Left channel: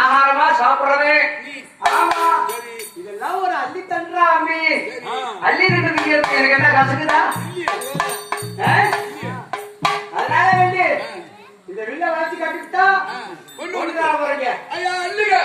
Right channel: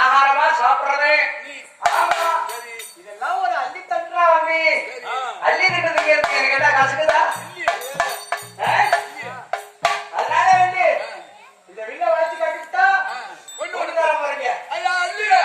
ஆகாரமா சாப்பிடுறது. ஆமா, இதெல்லாம் ஒரு அள்ளி தண்டுறா அம்பி. அள்ளி தண்டுறதுக்கு எனக்கு என்ன கசக்குதா? அதனால வந்து இந்த வில்ல வளர்ச்சி கட்டிட்டா ஒண்ணு தர போறீங்க. ஐயா அள்ளிங்க